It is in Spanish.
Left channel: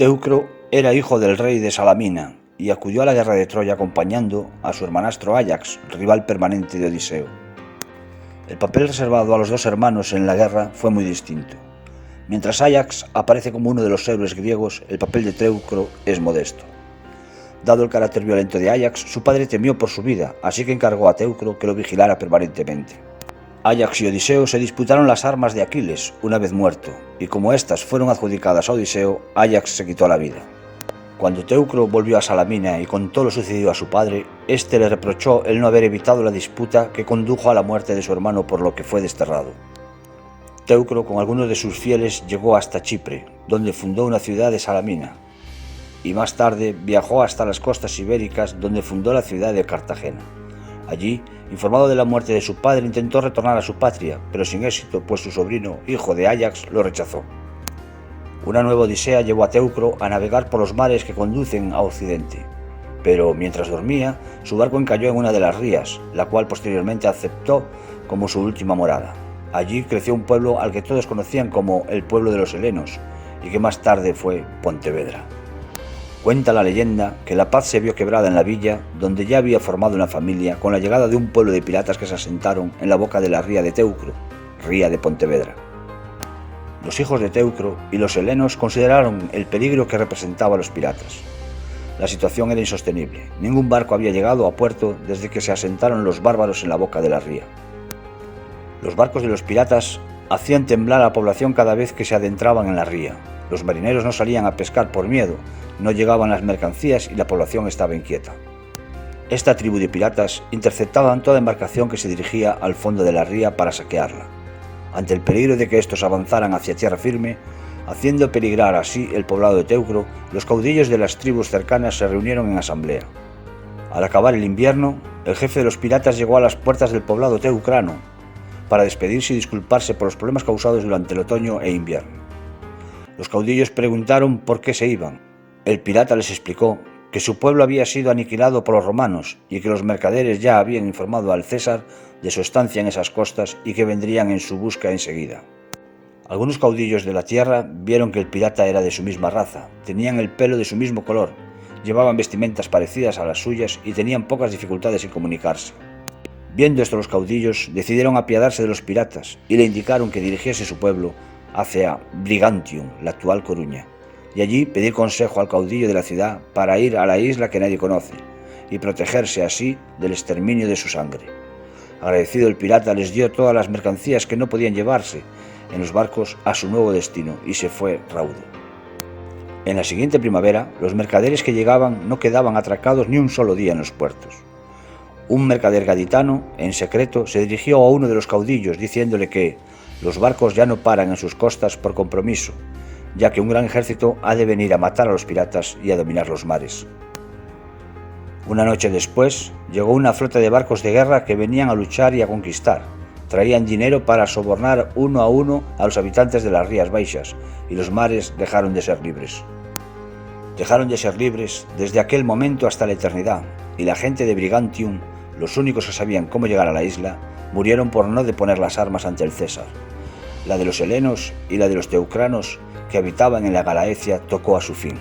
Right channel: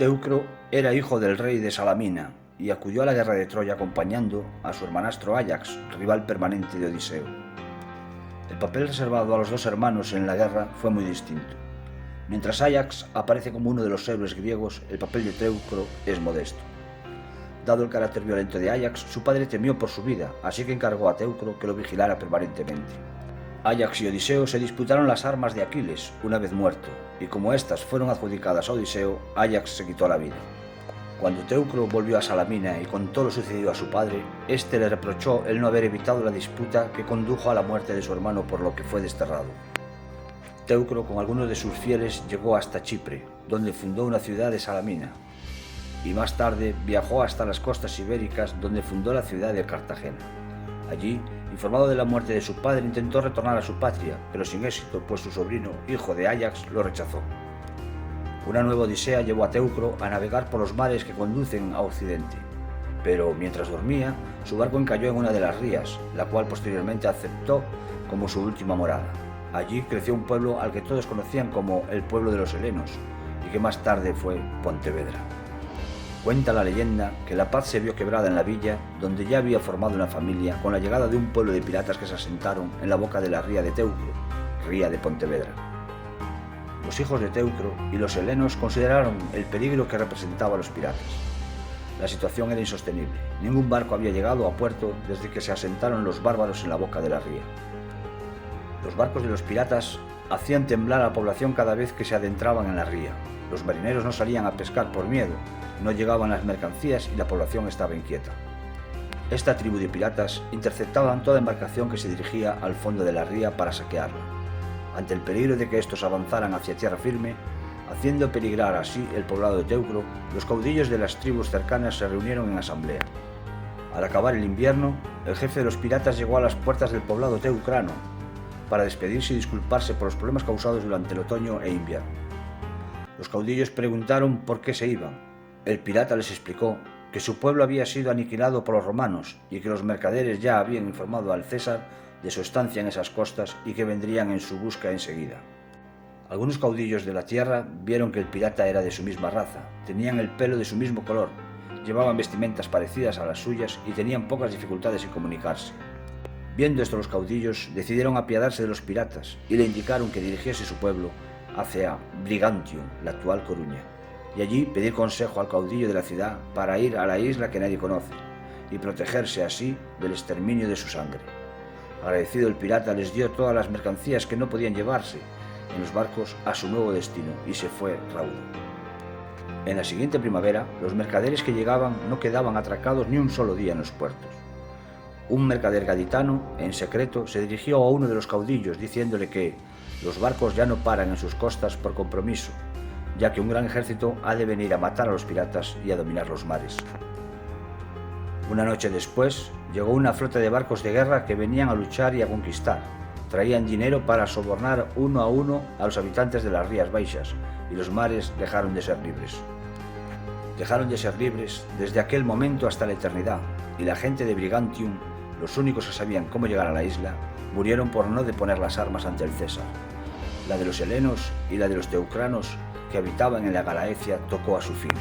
Teucro era hijo del rey de Salamina y acudió a la guerra de Troya acompañando a su hermanastro Áyax, rival permanente de Odiseo. El papel reservado a los dos hermanos en la guerra fue muy distinto. Mientras Áyax aparece como uno de los héroes griegos, el papel de Teucro es modesto. Dado el carácter violento de Áyax, su padre temió por su vida, así que encargó a Teucro que lo vigilara permanentemente. Áyax y Odiseo se disputaron las armas de Aquiles, una vez muerto, y como éstas fueron adjudicadas a Odiseo, Áyax se quitó la vida. Cuando Teucro volvió a Salamina y contó lo sucedido a su padre, éste le reprochó el no haber evitado la disputa que condujo a la muerte de su hermano, por lo que fue desterrado. Teucro con algunos de sus fieles llegó hasta Chipre, donde fundó una ciudad de Salamina, y más tarde viajó hasta las costas ibéricas, donde fundó la ciudad de Cartagena. Allí, informado de la muerte de su padre, intentó retornar a su patria, pero sin éxito, pues su sobrino, hijo de Áyax, lo rechazó. Una nueva odisea llevó a Teucro a navegar por los mares que conducen a Occidente, pero mientras dormía, su barco encalló en una de las rías, la cual posteriormente aceptó como su última morada. Allí creció un pueblo al que todos conocían como el pueblo de los helenos, y que más tarde fue Pontevedra. Cuenta la leyenda que la paz se vio quebrada en la villa, donde ya había formado una familia, con la llegada de un pueblo de piratas que se asentaron en la boca de la ría de Teucro, ría de Pontevedra. Los hijos de Teucro y los helenos consideraron el peligro que representaba a los piratas. La situación era insostenible. Ningún barco había llegado a puerto desde que se asentaron los bárbaros en la boca de la ría. Los barcos de los piratas hacían temblar a la población cada vez que se adentraban en la ría. Los marineros no salían a pescar por miedo, no llegaban las mercancías y la población estaba inquieta. Esta tribu de piratas interceptaban toda embarcación que se dirigía al fondo de la ría para saquearla, ante el peligro de que estos avanzaran hacia tierra firme, haciendo peligrar así el poblado de Teucro. Los caudillos de las tribus cercanas se reunieron en asamblea. Al acabar el invierno, el jefe de los piratas llegó a las puertas del poblado teucrano para despedirse y disculparse por los problemas causados durante el otoño e invierno. Los caudillos preguntaron por qué se iban. El pirata les explicó que su pueblo había sido aniquilado por los romanos y que los mercaderes ya habían informado al César de su estancia en esas costas y que vendrían en su busca enseguida. Algunos caudillos de la tierra vieron que el pirata era de su misma raza, tenían el pelo de su mismo color, llevaban vestimentas parecidas a las suyas y tenían pocas dificultades en comunicarse. Viendo esto, los caudillos decidieron apiadarse de los piratas y le indicaron que dirigiese su pueblo hacia Brigantium, la actual Coruña, y allí pedir consejo al caudillo de la ciudad para ir a la isla que nadie conoce y protegerse así del exterminio de su sangre. Agradecido, el pirata les dio todas las mercancías que no podían llevarse en los barcos a su nuevo destino y se fue raudo. En la siguiente primavera, los mercaderes que llegaban no quedaban atracados ni un solo día en los puertos. Un mercader gaditano, en secreto, se dirigió a uno de los caudillos diciéndole que los barcos ya no paran en sus costas por compromiso, ya que un gran ejército ha de venir a matar a los piratas y a dominar los mares. Una noche después, llegó una flota de barcos de guerra que venían a luchar y a conquistar. Traían dinero para sobornar uno a uno a los habitantes de las Rías Baixas, y los mares dejaron de ser libres. Dejaron de ser libres desde aquel momento hasta la eternidad, y la gente de Brigantium, los únicos que sabían cómo llegar a la isla, murieron por no deponer las armas ante el César. La de los helenos y la de los teucranos que habitaban en la Galaecia tocó a su fin.